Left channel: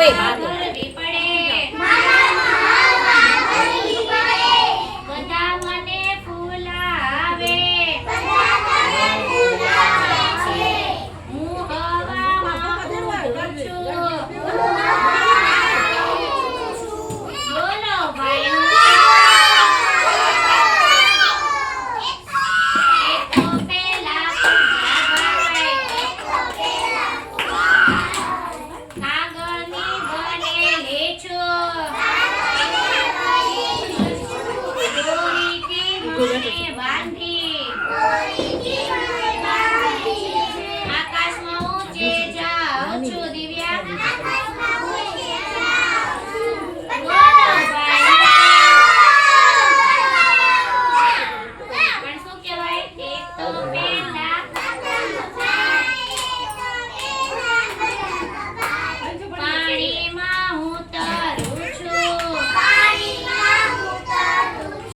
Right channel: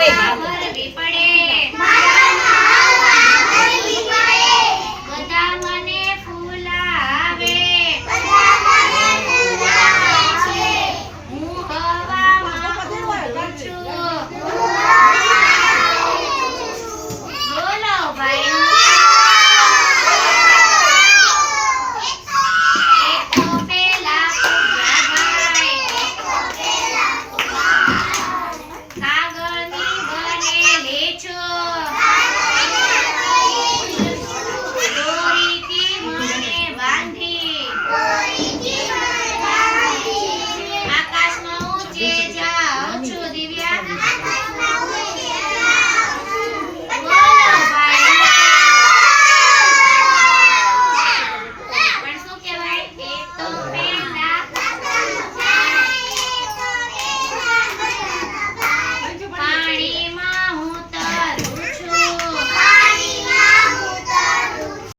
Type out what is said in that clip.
Wait. Gandhi આકાશમાં ઊંચે જાઉં છું દિવ્યા. Oh,